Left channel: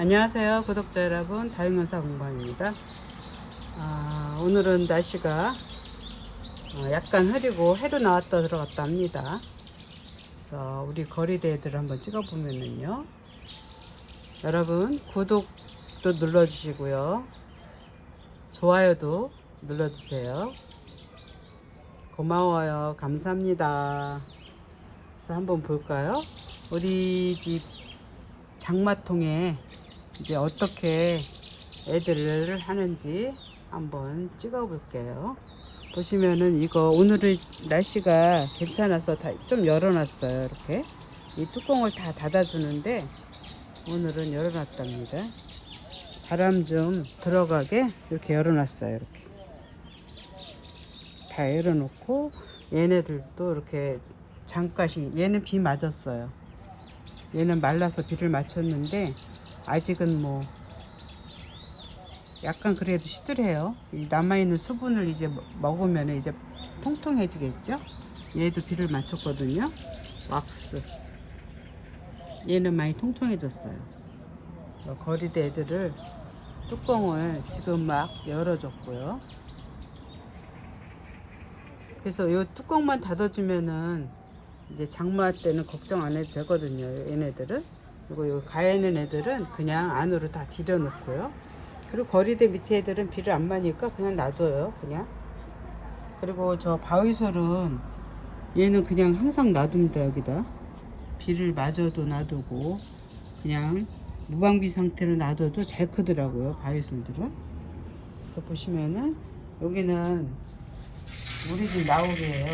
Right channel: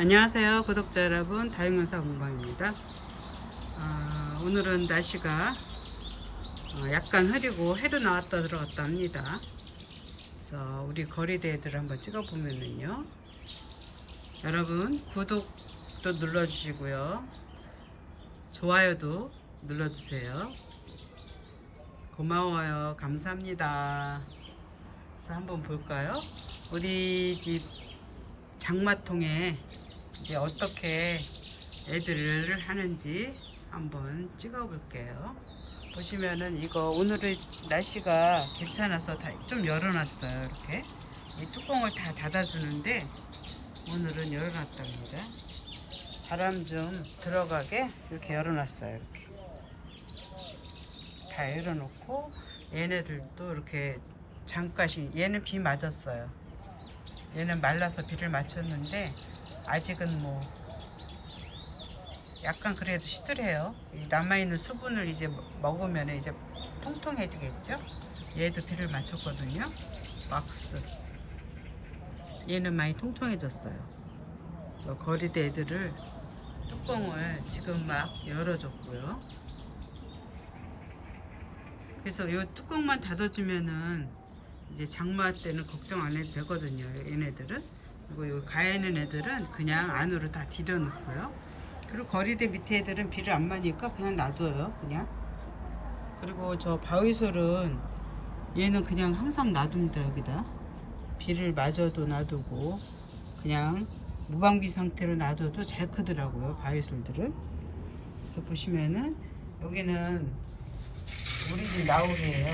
안녕하세요 구독자 여러분. 다육연사 공방입니다. 아, 오늘은 날씨가 어, 약간 흐리고 해도 나왔다 들어갔다 합니다. 그래서 우리 거리대들 한번 찍어 보면은요. 여러분 구독도 눌러주시고요. 좋아요도 눌러주세요. 고마워요. 감사합니다. 그래서 한번 볼까요? 우리 집 장마통에 이제 어떻게 애들을 하는지 한번 찍어 볼게요. 보시면은 이거 오늘은 날씨가 괜찮아서 다 좀 열어놨어요. 이렇게 이 뚜껑을 다 닫아주는데 오늘은 열어놨답니다. 바람 좀 들어가게 이렇게 열어놨어요. 이렇게 다 열어놓고 얘네들도 이렇게 잠깐씩 얘는 비 맞았어요. 얘는 말라서 비를 맞췄는데 아직은 뭐 약간 그래도 시들해요. 이 남아있는 수분을 이제 먹으면 이제 통통해지겠죠? 얘도 비를 맞췄거든요. 왁스. 얘는 많이 통통해졌어요. 그래서 거리대 애들을 뚜껑을 지금 막 열어줬고요. 그래서 이 뚜껑만 닫아주면은 이제 장마 때는 걱정 안 해도 되거든요. 얘네들은. 그리고 요 가해는 애들은 그냥 안으로 다 들여놓고요. 그리고 거리대 밑에 애들은 비를 안 맞으니까 그냥 놔둬요. 그냥. 그리고 저 바위솔은 얘는 그냥 항상 놔둡니다. 여기다. 비를 맞아도 놔두고 그냥 무방비 상태로 놔둬도 잘 크더라고요. 바위솔들은. 그래서 보시면은 여기는 우리 집 나울이에요.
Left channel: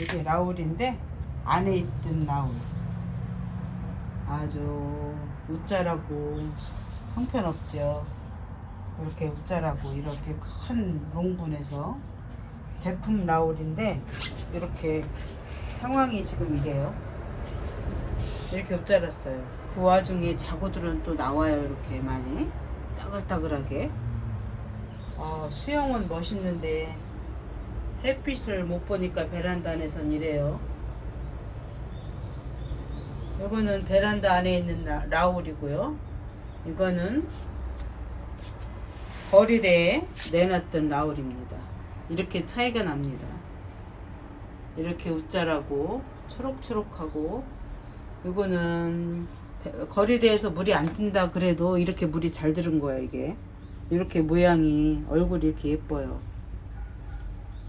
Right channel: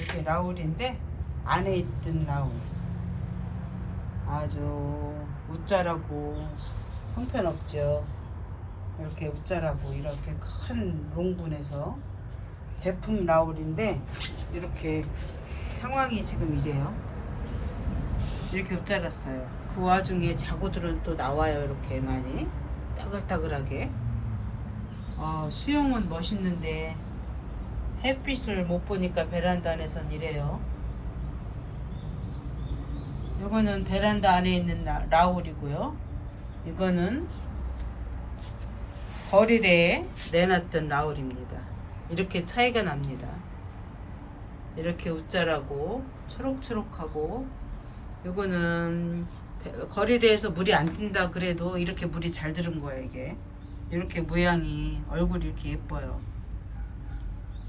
이게 나울인데 안에 있던 나올 아주 웃자라고 형편없죠. 이렇게 웃자라고 이렇게 큰 롱분에서 대품 나울인데 이렇게 상황이 지금 이래요. 이렇게 웃자랐어요. 그 와중에 자구들은 또 나와요 이렇게 많이. 따글따글하게. 어, 수영은 멋있는데 햇빛을 못 보니까 베란다 안에선 이래요 이거는 베란다 안에 있는 라- 라울이고요. 이거는 거리대에 내놨던 라울입니다. 이렇게 차이가 납니다. 이렇게 웃자라고 초록초록하고 이거는 배- 거리대에서 물이 안 든다 그래도 이렇게 물이 잘 들은 거예요 이게 이렇게 모양이 얼굴이 이렇게 예뻐요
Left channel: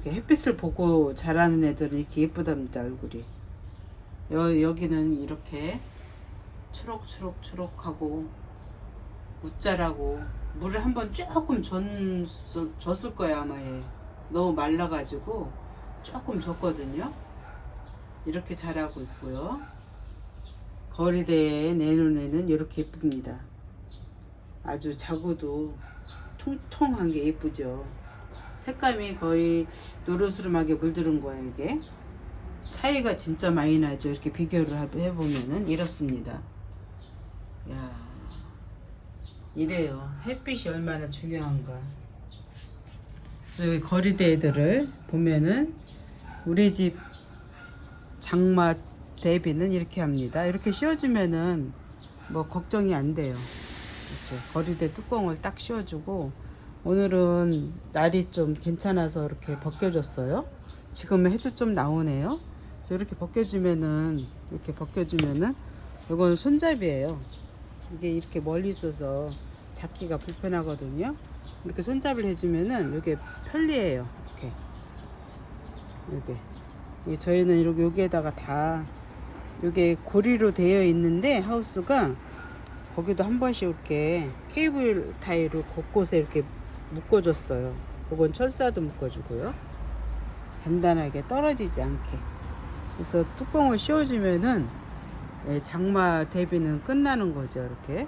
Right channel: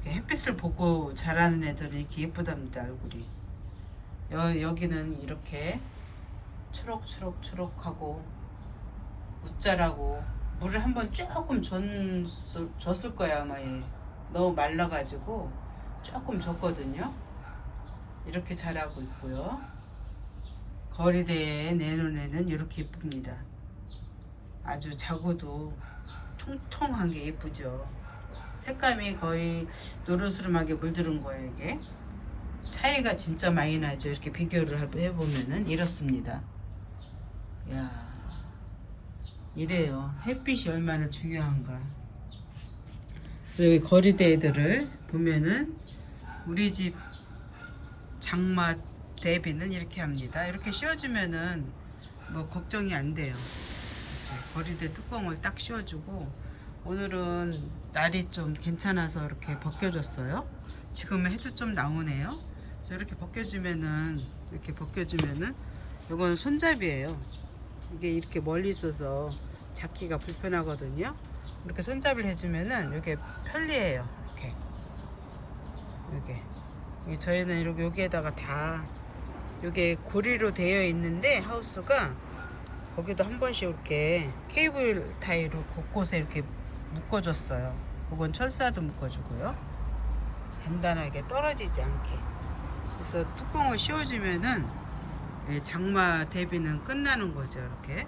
햇빛을 보고 자라는 애들은 이렇게 예쁘답니다 얼굴이 여, 여기는 이렇게 초록초록초록하고 웃자라고 물을 한번 조금 줬, 줬을 거야 아마 얘. 너무 말라가지고 조금 줬거든요. 이렇게 자라고 있고요. 거리대에 내놓은 이렇게 예쁩니다. 아주 자구도 통통한 게 예쁘죠. 색감이 거의 노르스름하게 물들은 거예요 이게 차이가 진짜 많이 나죠. 이렇게 비교를 해- 해보면은 이렇습니다. 야 이래요. 햇빛이 얼마나 중요한가. 그래서 여기 거리대 애들을 보면은 우리 집 장마 대비는 이렇게 합니다. 이렇게 씌워주면은 뭐 걱정이 안 돼요. 거리대 뚜껑을 딱 씌워주고 오늘은 날이 좀 괜찮아서 이렇게 벗겨졌어요. 지금은 해도 좀 나오네요. 그래서 이렇게 벗겨주면은 이렇게 벗겨주면은 이거는 손잡이에요. 이게 이렇게 멀리 있어서 잡기가 불편하거든요. 이렇게 손잡이를 해주면은 이게 편리해요. 이렇게 이렇게 저희는 이렇게 여기에다가 다 이게 고리로 되어 있는데 하우스가 거기도 한 번씩 이렇게 케이블 타이로 곳곳에 이렇게 묶어줬어요. 이건 철사도 묶어주고요. 간단하게 떨어지지 않게. 그래서 뚜껑을 씌워주면은 예, 장마 대비는 끝나는 거죠. 이렇게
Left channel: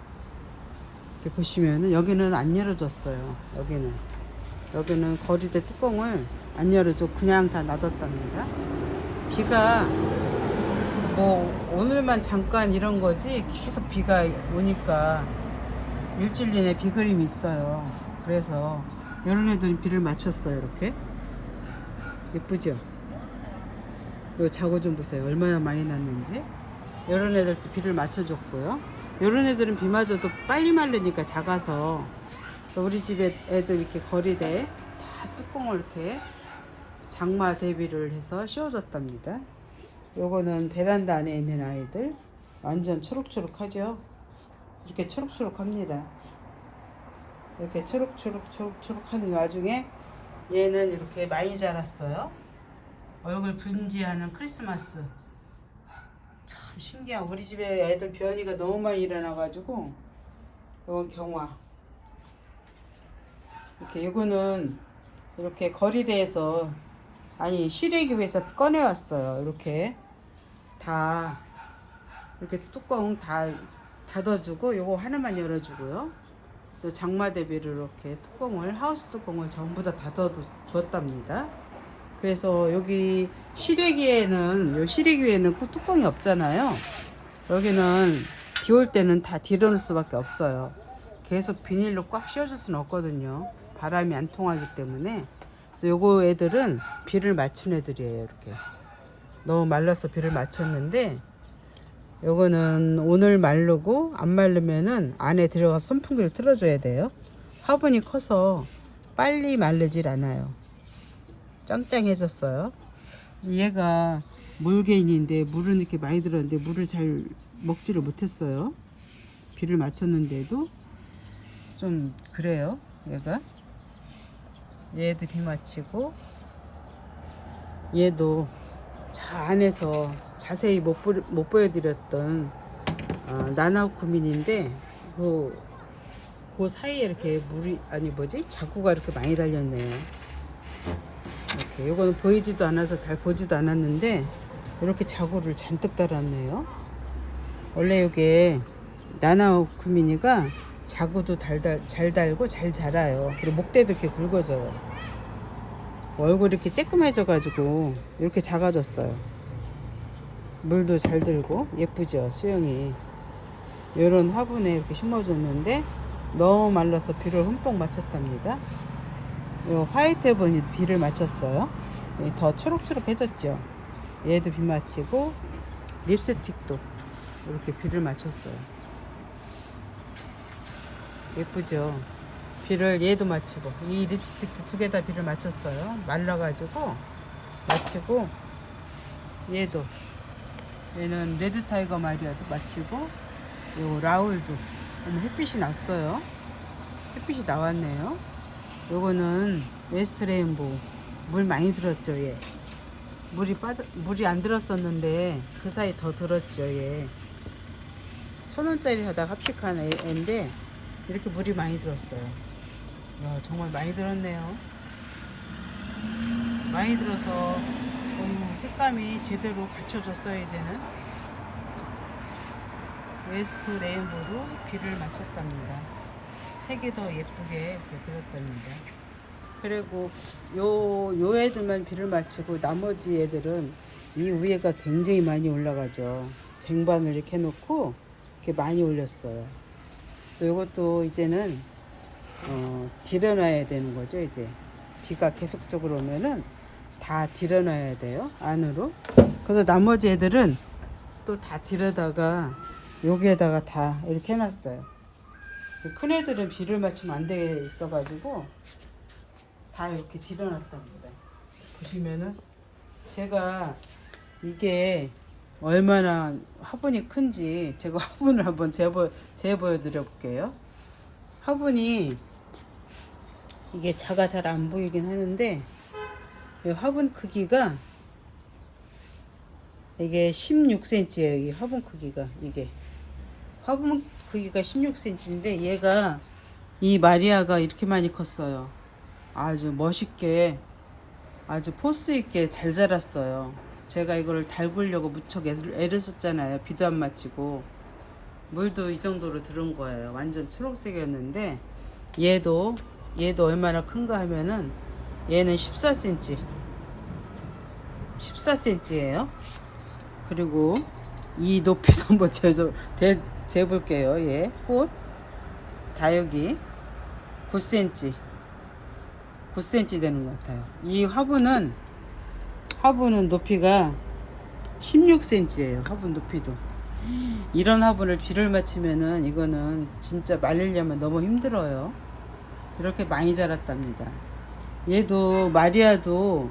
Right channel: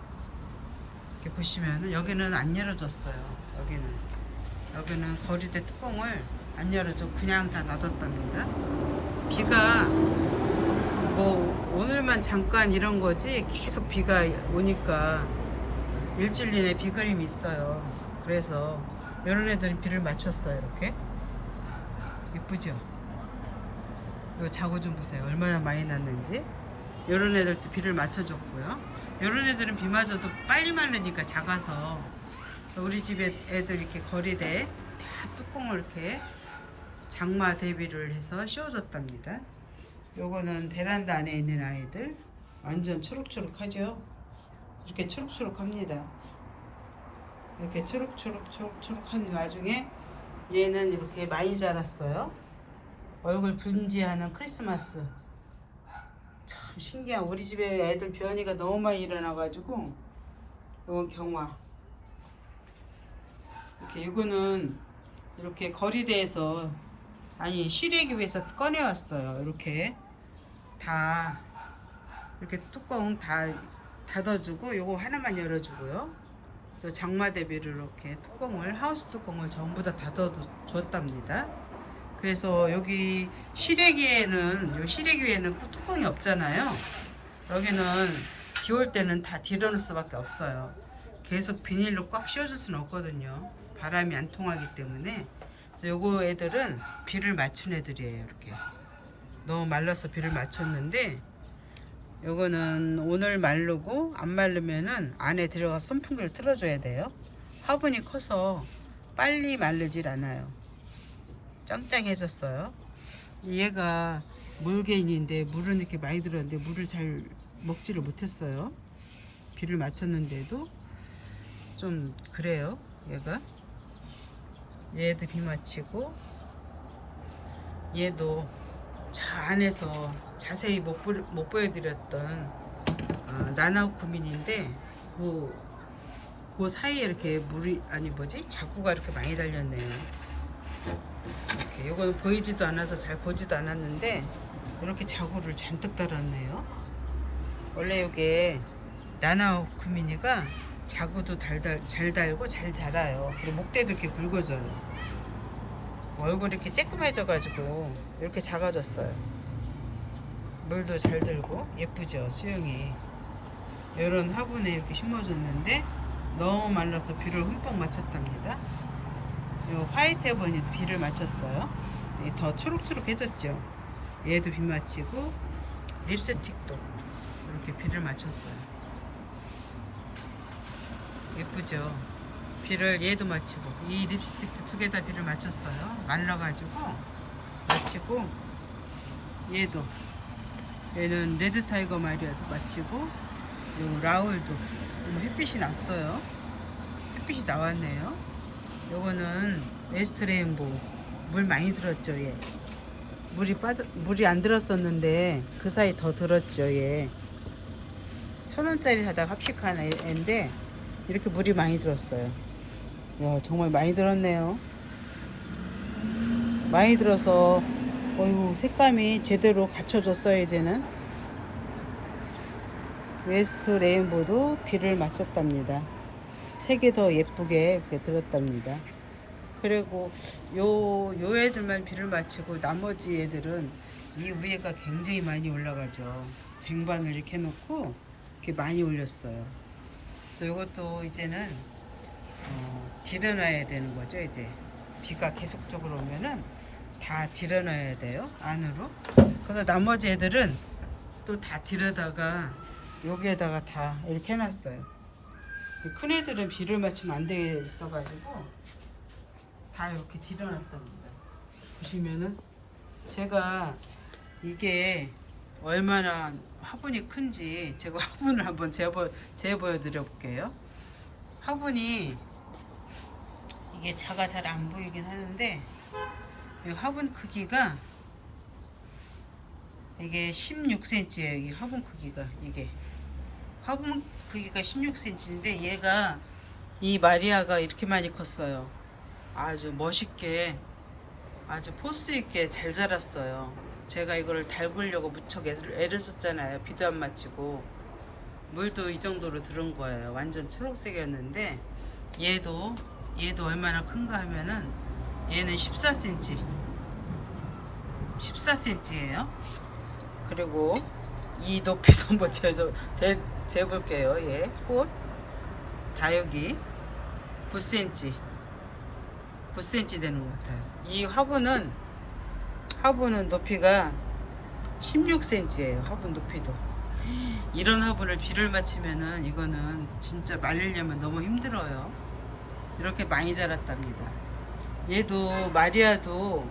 이렇게 보시면은 여기는 안 열어줬어요. 여기는 여기는 거리대 뚜껑을 안 열어줘 그냥 다 놔뒀답니다. 비가 뭐 오늘만 잠깐 이런 거지 계속 비가 오니까 일주일 내내 비 그림이 있어요. 그래서 애들은 비를 맞췄어요. 이렇게 예쁘죠? 이 자고 좀 보세요. 얼마나 많이 났는지. 이런 애들도 비를 맞춰줬고요. 이런 애들은 비 맞아도 빨리 마르니까 작아서 우리 집에 애들 이렇게 거리대에 다 뚜껑을 이렇게 장마 대비를 해서 씌워줬답니다. 요거는 베란다 안에 있는 아이들 완전 초록초록하죠. 이렇게 초록초록합니다. 이렇게 초록초록 초록초록한 와중에 얘는 이렇게 많이 자랐어요. 얼굴 분지하는 크리스마스. 참 신기한 우리 집에 애들 변이가 너무 많이 일어나가지고 이건 경화. 이렇게 이거는 이렇게 거리대에서 아니 시래기에서 꺼내왔어요. 이렇게 다 이렇게 뚜껑 다 닫아주고 요거 하나만 열어주고요. 그래서 장마 대비를 이렇게 뚜껑을 하우스 뚜껑을 전부 다 닫아 줬답니다. 그래서 여기 시래기에는 요 시래기에는 꾸- 뚜껑이 없잖아요. 여기는 비 올 때는 다 뒤로는 수밖에 없어요. 계속 비닐로 꽉 씌워줄 수는 없거든요. 바람이 안 통하기 때문에. 그래서 요거 애들은 비를 맞춘 애들이에요. 이렇게 너무 말라서 비를 맞췄는데 요거는 오늘 마르고 안 마르면은 안에 들어가서 선풍기를 틀어줘야 돼요. 화분이 커서 빨리 마르질 않아요. 짱짱해졌어요. 얘가 물개인인데 물은 이렇게 많이 들었는데 물을 잘 먹지를 못했어요. 비를 맞췄는데도 좀 그래요. 얘가 얘도 비 맞히고 얘도 자 안에서 자세히 못, 보, 못 보여드렸던 어, 나나쿠민인데 그, 그 사이에 이렇게 물이 아니 뭐지 자구가 이렇게 많이 달렸네요. 이렇게 요거는 보이지도 않아서 잘 보지도 않았는데 이렇게 자구를 잔뜩 달았네요. 원래 이게 나나 쿠미니가 자구도 달달 잘 달고 잘 자라요. 그리고 목대도 이렇게 굵어져요. 얼굴이 이렇게 쬐끔해져가지고 이렇게 작아졌어요. 물도 잘 들고 예쁘죠 수영이. 이런 화분에 이렇게 심어줬는데 너무 말라서 비를 흠뻑 맞췄답니다. 요 화이트 해본이 비를 맞췄어요. 더 초록초록해졌죠. 얘도 비 맞히고 립스틱도 이렇게 비를 맞췄어요. 예쁘죠. 비를 얘도 맞히고 이 립스틱도 두 개 다 비를 맞췄어요. 말라가지고 맞히고 얘도 얘는 레드 타이거 마리아도 맞히고 요 라울도 햇빛이 났어요. 햇빛이 나왔네요. 요거는 웨스트 레인보우 물 많이 들었죠 얘. 물이 빠져 물이 안 들었었는데 그 사이 더 들었죠 얘. 천 원짜리 사다가 합식한 애- 애인데 이렇게 물이 많이 들었어요. 야 정말 많이 들었네요. 많이 들어서 어휴 색감이 제대로 갖춰졌어요 이제는. 웨스트 레인보도 비를 맞췄답니다. 색이 더 예쁘게 이렇게 들었답니다. 그리고 요, 요 애들만 비를 맞추고 나머지 애들은 이 위에가 굉장히 많이 올라가죠. 쟁반을 이렇게 해놓고 이렇게 많이 올렸어요. 그래서 이것도 이제는 어, 들여놔야 되는 거죠. 이제 비가 계속적으로 오면은 다 들여놔야 돼요. 안으로. 그래서 나머지 애들은 또다 들여다가 여기에다가 다 이렇게 해놨어요. 큰 애들은 비를 맞추면 안 돼 있어가지고 다 이렇게 들여놨답니다. 보시면은 제가 이게 얼마나 화분이 큰지 제가 화분을 한번 재보 재보여 드려 볼게요. 화분이 이게 자가 잘 안 보이긴 하는데 이 화분 크기가 이게 16cm예요. 이 화분 크기가 이게 화분 크기가 16cm인데 얘가 이 마리아가 이렇게 많이 컸어요. 아주 멋있게 아주 포스 있게 잘 자랐어요. 제가 이거를 달구려고 무척 애를, 썼잖아요. 비도 안 맞히고 물도 이 정도로 들은 거예요. 완전 초록색이었는데 얘도 얘도 얼마나 큰가 하면은 얘는 14cm 14cm예요. 그리고 이 높이도 한번 재줘, 재, 재볼게요. 얘 꽃. 다육이 9cm. 9cm 되는 것 같아요. 이 화분은 화분은 높이가 16cm예요. 화분 높이도. 이런 화분을 비를 맞추면은 이거는 진짜 말리려면 너무 힘들어요. 이렇게 많이 자랐답니다. 얘도 마리아도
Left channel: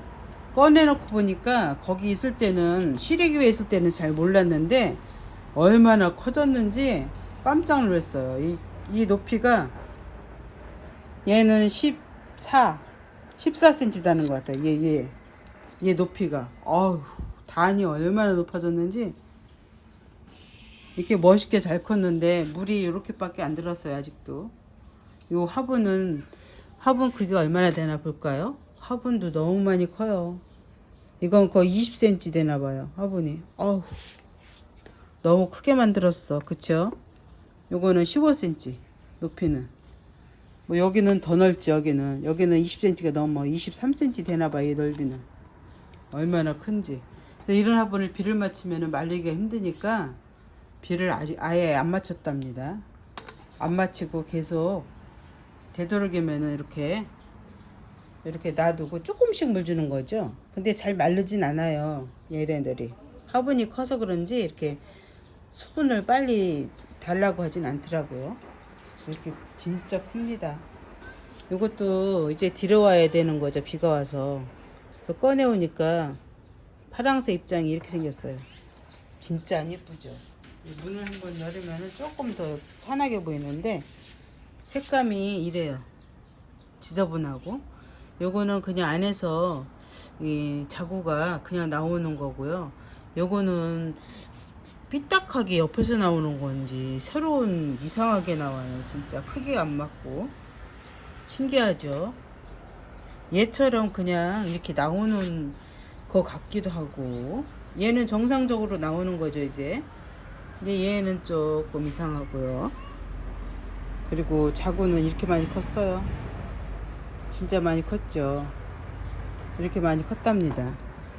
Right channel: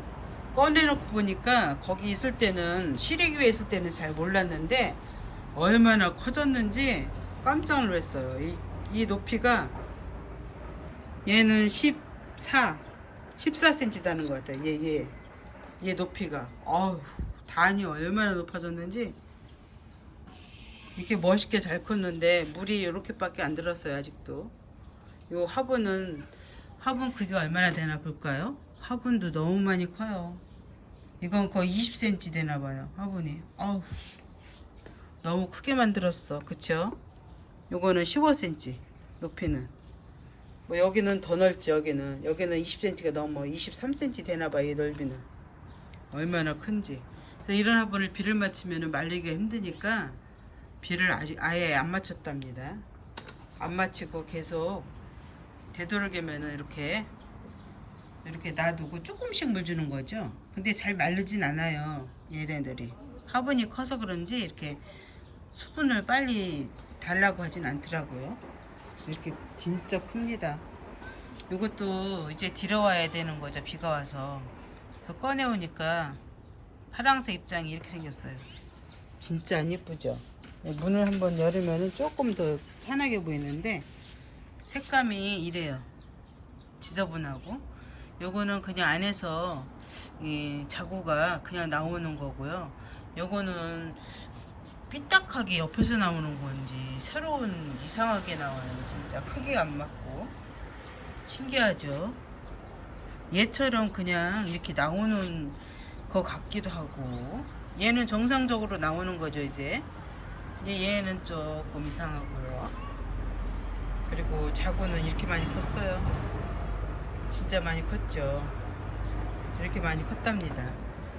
꺼내놓고 보니까 거기 있을 때는 시래기에 있을 때는 잘 몰랐는데 얼마나 커졌는지 깜짝 놀랐어요. 이, 이 높이가 얘는 14, 14cm 다는 것 같아요. 얘, 얘, 얘 높이가. 어우, 단이 얼마나 높아졌는지 이렇게 멋있게 잘 컸는데 물이 이렇게밖에 안 들었어요 아직도 요 화분은 화분 크기가 얼마나 되나 볼까요 화분도 너무 많이 커요 이건 거의 20cm 되나 봐요 화분이 어우 너무 크게 만들었어 그쵸 요거는 15cm 높이는 뭐 여기는 더 넓지 여기는 여기는 20cm가 넘어 23cm 되나 봐요 이 넓이는 얼마나 큰지 이런 화분을 비를 맞추면 말리기가 힘드니까 비를 아직 아예 안 맞췄답니다. 안 맞히고 계속 되도록이면은 이렇게 이렇게 놔두고 조금씩 물 주는 거죠. 근데 잘 마르진 않아요. 얘네들이 화분이 커서 그런지 이렇게 수분을 빨리 달라고 하진 않더라고요. 그래서 이렇게 진짜 큽니다. 이것도 이제 들어와야 되는 거죠. 비가 와서. 그래서 꺼내오니까 파랑새 입장이 이렇게 생겼어요. 진짜 안 예쁘죠? 문을 한번 열으면 조금 더 환하게 보이는데 색감이 이래요. 지저분하고 요거는 그냥 안에서 이 자구가 그냥 나오는 거고요. 요거는 삐딱하게 옆에서 나오는 건지 새로운 이상하게 나와요. 진짜 크기가 안 맞고. 신기하죠. 얘처럼 그냥 이렇게 나오는 거 같기도 하고. 얘는 정상적으로 나오는 거죠 이제? 근데 얘는 조금 이상하고요. 그리고 자구는 이렇게 많이 컸어요. 진짜 많이 컸죠? 이렇게 많이 컸답니다.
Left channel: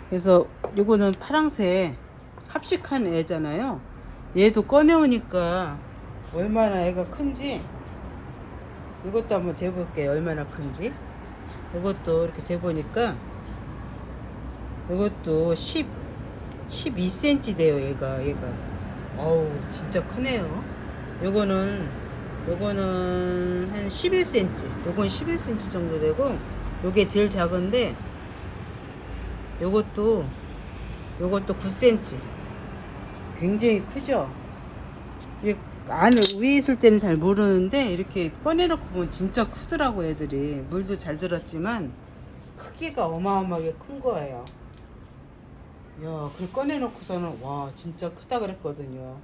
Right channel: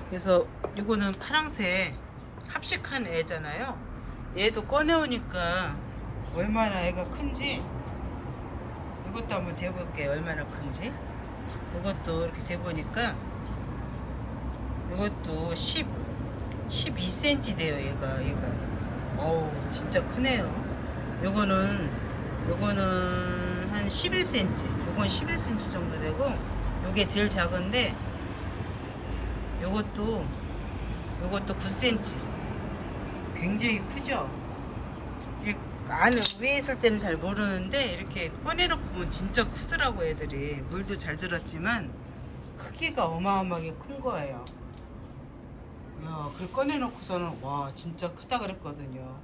그래서 요거는 파랑새 합식한 애잖아요. 얘도 꺼내오니까 얼마나 애가 큰지 이것도 한번 재볼게요. 얼마나 큰지. 이것도 이렇게 재보니까 이것도 10 12cm 돼요 얘가. 얘가. 어우 진짜 크네요. 요거는 요거는 한 11cm 요건 11cm 정도 되고 요게 제일 작은데 요것도 요것도 9cm 굉장히 크죠 이게 안에 위에 있을 때는 잘 모르는데 이렇게 꺼내놓고 보면 진짜 크더라고 애들이 물도 잘 들었지만 크기가 어마어마하게 큰 거예요 야, 그걸 꺼내놓고서는 와 진짜 크다 그랬거든요.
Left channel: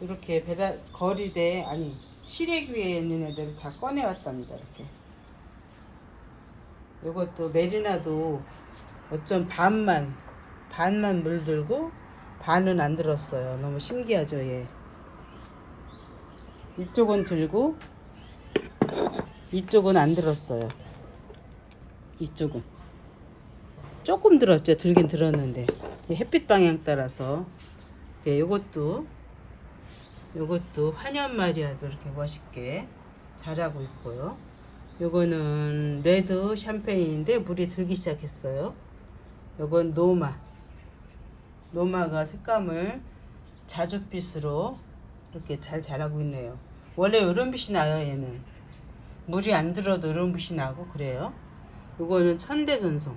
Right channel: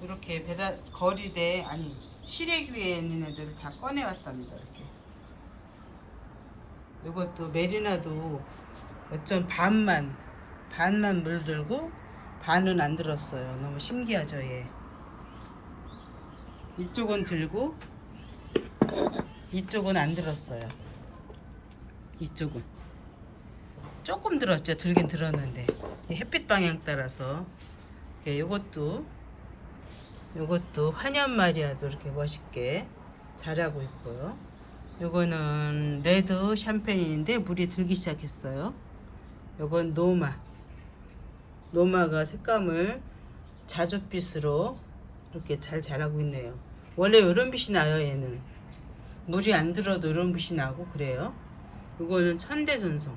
이렇게 베라 거리대 아니 시래기 위에 있는 애들을 다 꺼내왔답니다. 이렇게. 이것도 메리나도 어쩜 반만 반만 물들고 반은 안 들었어요. 너무 신기하죠, 얘. 이쪽은 들고 이쪽은 안 들었어요. 이쪽은. 조금 들었죠. 들긴 들었는데 이 햇빛 방향 따라서 네, 요것도 요것도 환연 마리아도 이렇게 멋있게 자라고 있고요. 요거는 레드 샴페인인데 물이 들기 시작했어요. 요건 노마. 노마가 색감을 자줏빛으로 이렇게 잘 자라고 있네요. 원래 이런 빛이 나요, 얘는. 물이 안 들어도 이런 빛이 나고 그래요. 요거는 천대전송.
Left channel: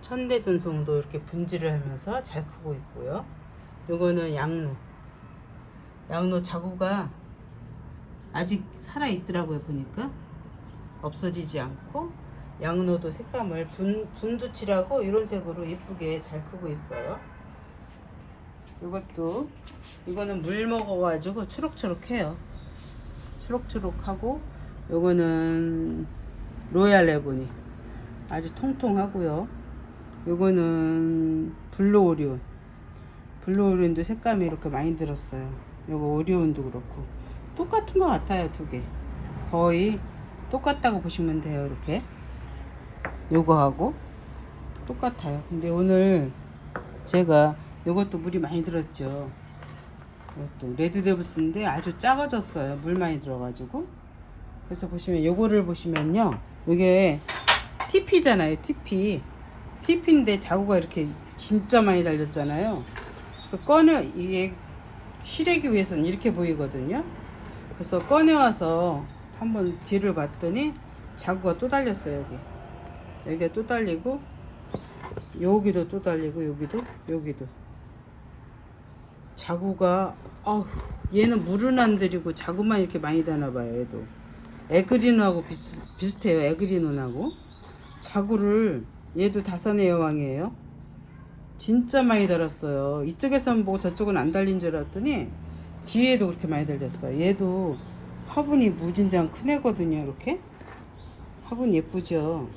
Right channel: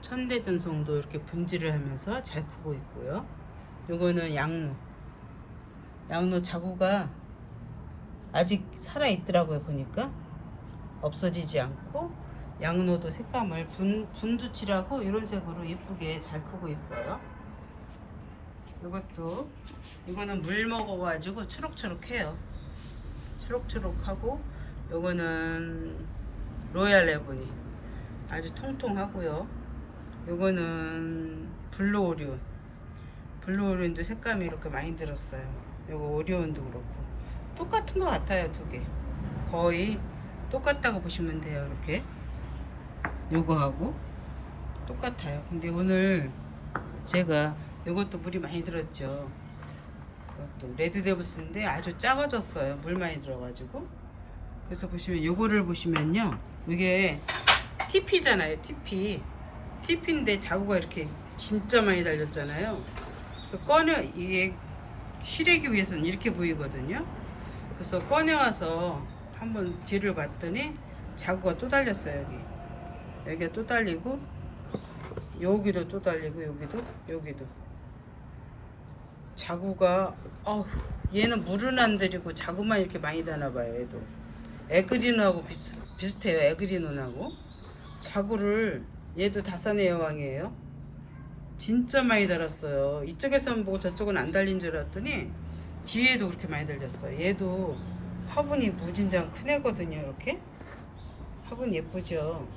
천대전송도 이렇게 분지를 하면서 잘 크고 있고요. 요거는 양로. 양로 자구가 아직 살아 있더라고요 보니까 없어지지 않고 양로도 색감을 분, 분두칠하고 이런 색으로 예쁘게 잘 크고 있어요. 이것도 이거는 물 먹어가지고 초록초록해요. 초록초록하고 요거는 로얄 레보니 아주 통통하고요. 요거는 블루 오리온 블루 오리온도 색감이 이렇게 많이 들었어요. 요거 오리온도 그렇고 똑같은 것 같아요 두 개. 거의 똑같다고 보시면 돼요 이렇게. 요거하고 똑같아요. 근데 오늘 제가 요것도 물이 많이 들었죠. 이것도 레드 데브스인데 아주 작아졌어요. 물 많이 들어가지고. 그래서 보시면 요거를 보시면요. 이게 TP잖아요. TP. TP인데 자구가 이렇게 진짜 많이 달렸잖아요. 그래서 꺼내 이게 실내기 위해서는 이렇게 보이거든요. 그래서 꺼내와서 한번 뒤를 봤더니 자구가 또 달렸어요 여기. 여기가 또 달리고 여기도 또 달리고 여기도 여기도. 자구가 아 얘는 물은 안 들이고 자구만 이렇게 많이 다나 봐요 얘도. 에그리노하고 비슷, 비슷해요 에그리노하고. 자구를 얘도 다산의 여왕이에요. 진짜 많이 달았어요. 이쪽에서만 보고 저쪽은 안 달린 줄 알았더니 뒤에도 그렇게 많이 달렸어요. 얘도 화분이 무진장 큰 애거든요 이렇게. 화분 예쁘죠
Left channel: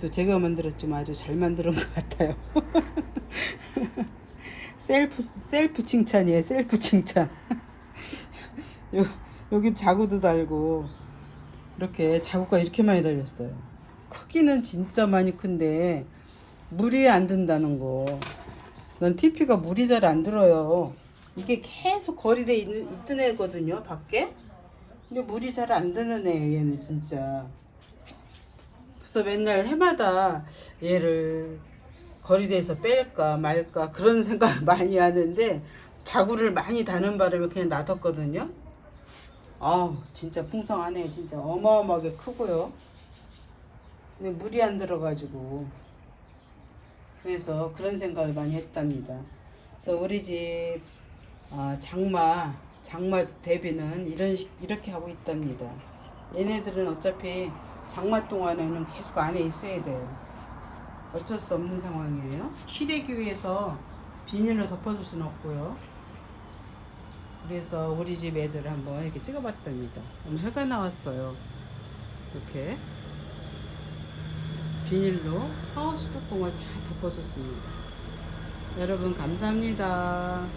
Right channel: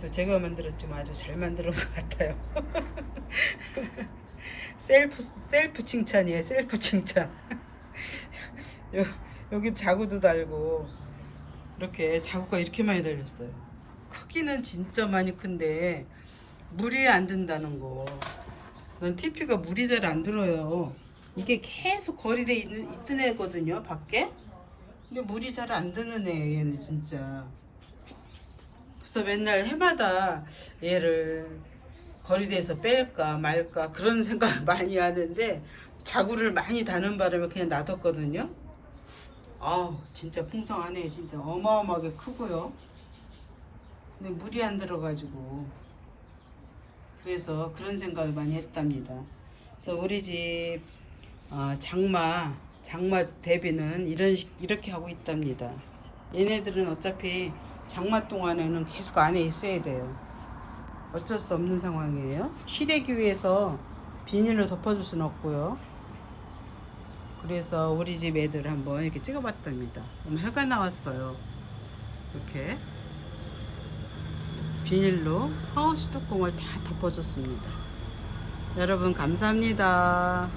또 제가 만들었지만 아주 잘 만든 것 같아요 셀프 셀프 칭찬이에요 셀프 칭찬 요, 여기 자구도 달고 이렇게 자구가 이렇게 많이 달렸어요 크기는 진짜 많이 큰데 물이 안 든다는 거. 넌 TP가 물이 잘 안 들어요. 이게 계속 거리돼 있는 있던 애거든요, 밖에. 근데 물이 잘 안 드는 애, 얘는 진짜. 그래서 맨날 해마다 얘를 거리대에서 뺄까 말까 그런 생각 많이 하는데 자구를 많이 다는 바람에 그냥 놔뒀거든요. 아우 진짜 풍성하네 진짜 어마어마하게 크고요. 근데 물이 안 들어가지고 그래서 그런 생각을 많이 했답니다. 그래서 우리 집 어, 장마 장마 대비는 이런 식 이렇게 하고 있답니다. 얘네들은 어차피 장마 동안에는 계속 안에 있어야 돼요. 어쩔 수 없는 상황이에요. 실외기 위해서 비닐로 덮어줄 수는 없고요. 그래서 우리 집 애들 한번 이렇게 찍어봤답니다. 어머, 해가 나왔어요. 이렇게 비닐로 하우스 뚜껑을 다 덮어줬습니다. 여러분 감사합니다.